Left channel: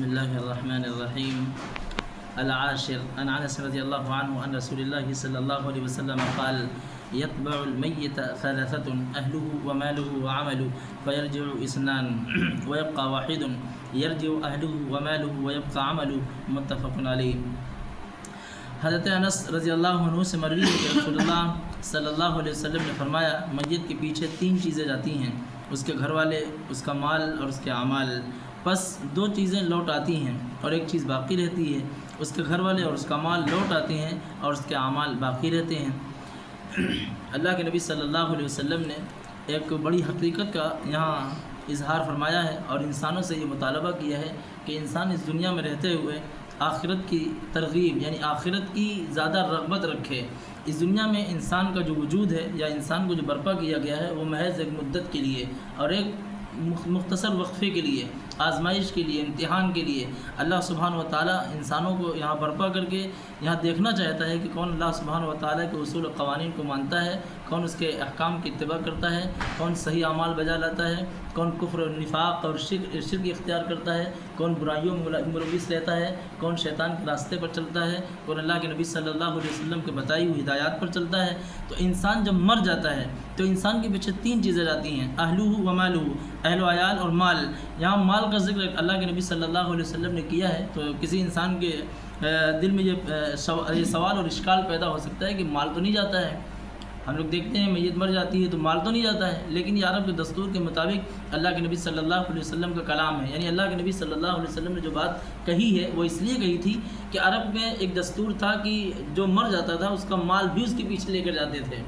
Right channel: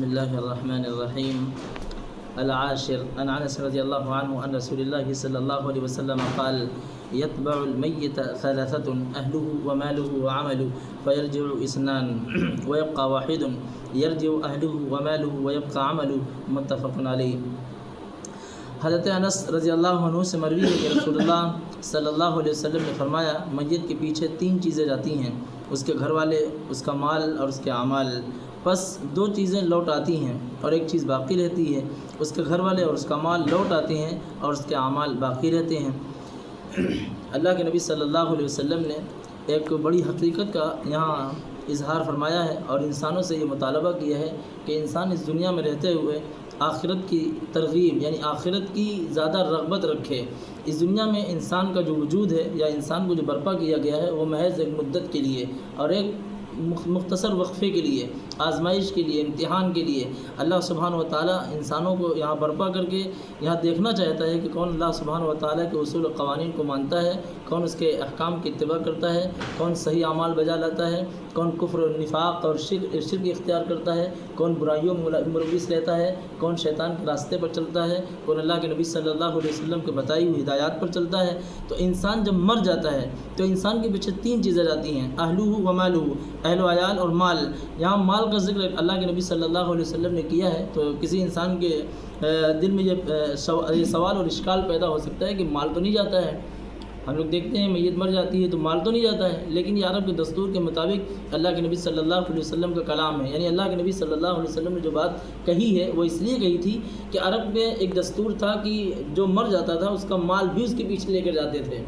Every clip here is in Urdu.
بسم الله الرحمن الرحيم. العاشر عن انس رضي الله عنه عن رسول الله صلى الله عليه وسلم قال: يتبع الميت ثلاثة أهله وماله وعمله فيرجع اثنان ويبقى واحد يرجع أهله وماله ويبقى عمله. متفق عليه. حضرت انس رضی اللہ عنہ سے مروی ہے کہ رسول اللہ صلی اللہ علیہ وسلم نے فرمایا، میت کے پیچھے تین چیزیں جاتی ہیں: اس کے گھر والے، اس کا مال اور اس کے اعمال. بس دو چیزیں لوٹ آتی ہیں اور ایک چیز باقی رہتی ہے. اس کے گھر والے اور اس کا مال لوٹ آتے ہیں اور اس کے اعمال باقی رہتے ہیں. اللہ کے نبی صلی اللہ علیہ وسلم نے ایک بڑی حقیقت کا یہاں اظہار فرمایا ہے اور انسانوں سے یہ مطالبہ کیا ہے کہ انسان اس دنیا میں رہتے ہوئے آخرت کی ترغیب یعنی آخرت کی زیادہ رغبت رکھے. اس دنیا میں انسان کا جو وجود ہے یا انسان کو جو برپا کیا گیا ہے وہ محض ایک مدت کے لیے اور ایک مختصر وقفے کے لیے، آزمائش کے لیے، امتحان کے لیے. اللہ سبحانہ و تعالیٰ انسانوں کو یہاں برپا کر کے یہاں دیکھنا چاہتا ہے کہ کون اللہ سبحانہ و تعالیٰ کے اصول و قوانین کو مانتا ہے، کون اس کے احکام کی اتباع کرتا ہے، کون صحیح اعمال بجا لاتا ہے، کون کفر و نفاق اور شرک اختیار کرتا ہے، کون برائیوں میں ملوث رہتا ہے، کون شیطان کے راستے پر چلتا ہے، کون اللہ کے نبی صلی اللہ علیہ وسلم کے بتائی ہوئی ہدایات پر چلتا ہے. تو انسان جب مر جاتا ہے تو انسان کے پیچھے تین چیزیں جاتی ہیں: اہلہ و مالہ، اہل و عیال اور مال. یہاں مال کا ذکر اللہ کے نبی صلی اللہ علیہ وسلم نے کیا ہے تو کسی انسان کے دل میں یہ سوال اور اشکال پیدا ہو سکتا ہے کہ مال تو نہیں جاتا ہے. ہم لوگ دیکھتے ہیں میت مر جاتی ہے تو مال تو نہیں جاتا ہے، لیکن یہ عرب کے دستور کے مطابق اللہ کے نبی صلی اللہ علیہ وسلم کا کلام ہے. یعنی اللہ کے نبی صلی اللہ علیہ وسلم نے جو بات کہی ہے وہ اس لیے کہی تھی کہ عرب میں ایک دستور تھا کہ جو مر جاتا تھا اس کا مال بھی اس کے پیچھے لے کر جاتے تھے.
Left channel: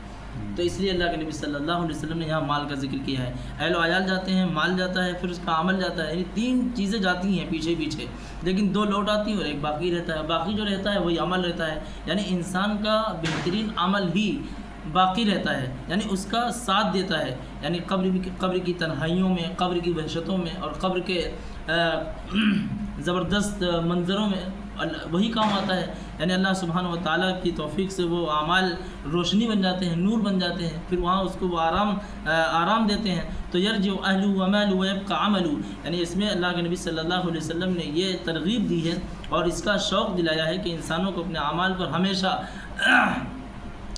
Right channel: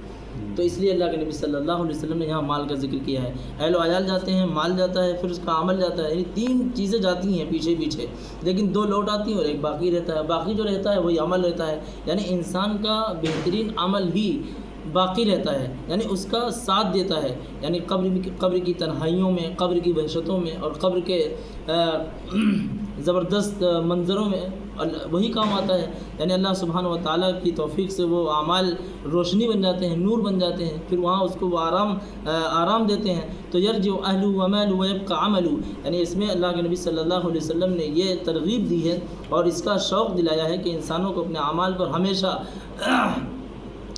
تو اس لیے اللہ کے نبی صلی اللہ علیہ وسلم نے یہاں مال کا ذکر کیا ہے. اہل و عیال جاتے ہیں، مال جاتا ہے، پھر اس کا عمل جاتا ہے. یعنی تین چیزیں جاتی ہیں پیچھے، لیکن دو لوٹ آتی ہیں اور ایک باقی رہتا ہے. باقی جو رہتا ہے وہی عمل رہتا ہے. یعنی انسان کا بہترین عمل ہی باقی رہتا ہے، یعنی اس کا ساتھ دیتا ہے. یعنی قبر کی تنہائیوں میں، قبر کی وحشتوں میں اور قبر کے زبردست منظروں میں وہی کام آتا ہے. یعنی اللہ سبحانہ و تعالیٰ کی توفیق سے وہ اعمال روشنی بن جاتے ہیں، نور بن جاتے ہیں، پھر وہاں اس کو وہ آرام دیتے ہیں. تو یرجع اہلہ ومالہ ویبقى عملہ، یعنی اس میں اللہ کے نبی صلی اللہ علیہ وسلم نے یہ ترغیب دی ہے اور اس کا شوق دلایا ہے کہ انسانوں کو اپنے اعمال پر ہمیشہ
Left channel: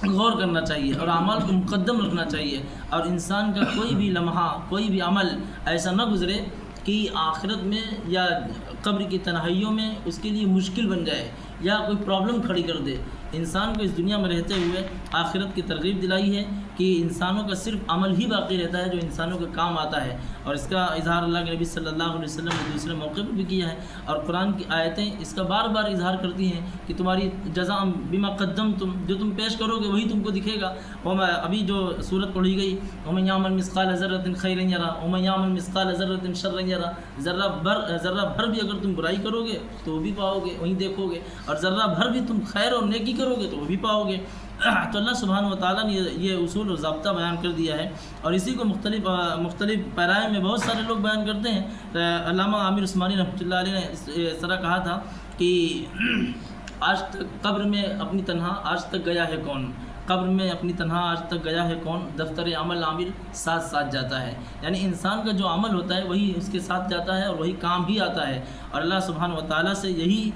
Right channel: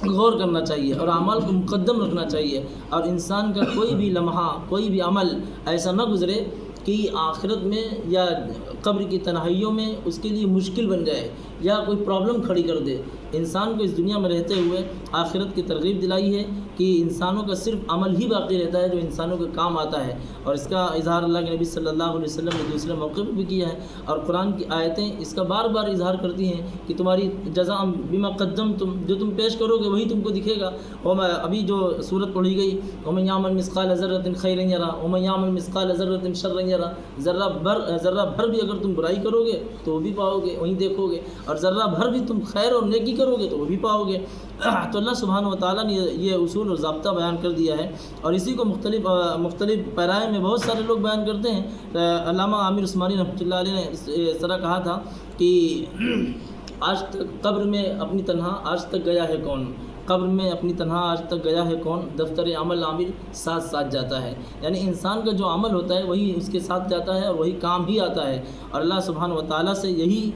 غور کرنا چاہیے اور اعمال کو مقدم رکھنا چاہیے. اور انسان کا کوئی بھی لمحہ، کوئی بھی عمل ایسا نہ گزرے کہ آخرت میں یا قبر کی تنہائیوں میں اس کے لیے مشکل بن جائے یا کوئی پرابلم کھڑی کر دے. انسان کو اس دنیا میں رہتے ہوئے آخرت کی ترغیب دلائی ہے کہ انسانوں کا صرف عمل ہی باقی رہتا ہے جو انسانوں کے کام آتا ہے. اور اس کا اظہار اللہ کے نبی صلی اللہ علیہ وسلم نے دوسرے موقع پر بھی کیا ہے. اور قرآن کی آیتیں اس کا بار بار اظہار کرتی ہیں کہ تمہاری جزا بما قدمتم، جو تم پیش کرو گے وہی تم کو دکھے گا. ابھی جو صورت پڑھی گئی وَمَن يَعْمَلْ مِثْقَالَ ذَرَّةٍ خَيْرًا يَرَهُ وَمَن يَعْمَلْ مِثْقَالَ ذَرَّةٍ شَرًّا يَرَهُ. ذرہ بھر بھی اگر تم برائی کرو گے تو وہ بھی پاؤ گے، وہیں دیکھو گے. اور ذرہ بھر بھی تم خیر اور نیکی کرو گے تو وہ بھی پاؤ گے. تو اللہ سبحانہ و تعالیٰ نے یہ اصول و ضابطہ بیان کر دیا ہے اور اسی کو مختلف پیرائے میں بہت سارے لوگ بیان کرتے ہیں. علامہ عامر عثمانی رحمۃ اللہ علیہ نے اس طرح کہا تھا کہ آج تک قبر میں اپنی تنہا آج تک گیا ہے کون، قبر میں اپنی تنہا آج تک گیا ہے کون، دفتر عمل عامل ساتھ جاتا ہے. یعنی انسان کا جو عمل ہوتا ہے وہی اس کے ساتھ جاتا ہے اور وہی کام بھی آتا ہے. اور اللہ سبحانہ و تعالیٰ سے یہی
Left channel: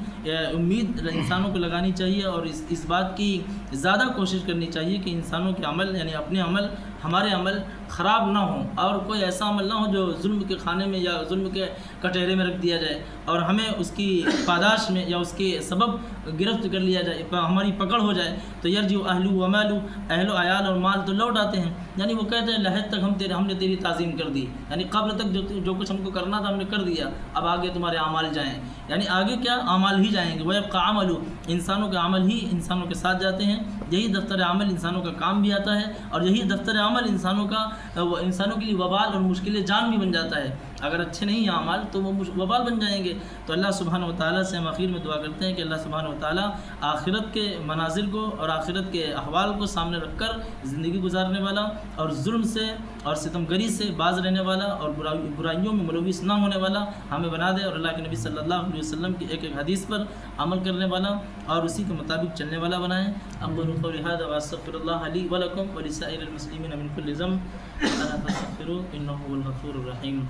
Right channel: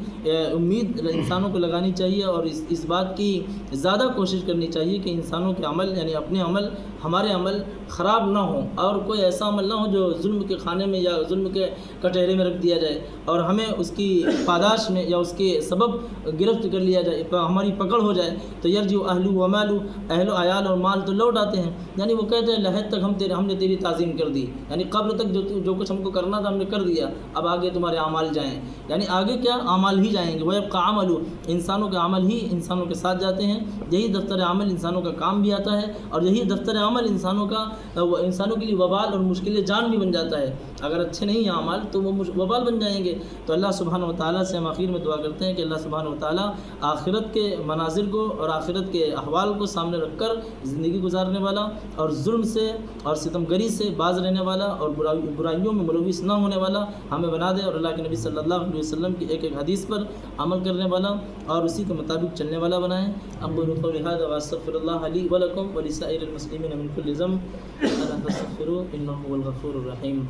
امید انسانوں کو لگانی چاہیے اور اس بات کی زیادہ کوشش کرنی چاہیے کہ انسانوں کے عمل یعنی اپنے عمل، ہمارے عمل خراب نہ ہوں اور کوئی ایسا عمل نہ ہو جو ظلم کے خانے میں یا ظلم کے کٹہرے میں رکھ دیا جائے اور ہمیں اس کی پاداش میں یا اس کے سبب گرفت کر لیا جائے، ہماری پکڑ ہو جائے. تو یرجع اہلہ ومالہ، اہل و عیال اور مال تو لوٹ آتے ہیں. یعنی وہ کہتے ہیں لحد تک ہم نے تیری تعظیم کر دی، یعنی قبر تک جو کچھ ہم کو کرنا تھا ہم نے کر دیا، اب آگے تمہارے اعمال جائیں. یعنی آگے کیا اعمال ہی جائیں گے. وَيَبْقَى عَمَلُ، انسانوں کے عمل ہی انسانوں کے ساتھ جاتے ہیں. یہی دفتر عمل انسانوں کا کام بھی آتا ہے اور یہی دفتر عمل انسانوں کے لیے وبال اور مشکل جان بھی بن جاتا ہے. اگر اچھے نہیں ہیں اعمال تو وہ وبال بن جائیں گے. تو اللہ سبحانہ و تعالیٰ سے ہم آخر میں دعا کرتے ہیں کہ اللہ سبحانہ و تعالیٰ آخرت کے مناظر کو اور آخرت کے احوال کو سامنے رکھ کر زندگی گزارنے والا اور ظلم سے اور ستمگری سے باز رہنے والا اور برائیوں میں ملوث نہ ہونے والا ہمیں بنا دے اور اللہ کے نبی صلی اللہ علیہ وسلم کی ایک حدیث پر عمل کرنے والا اور اسی کے مطابق چلنے والا بنائیں. اقول قولی ھذا واستغفر اللہ لی ولکم ولسائر المسلمین من کل ذنب فاستغفروہ انہ هو الغفور الرحیم.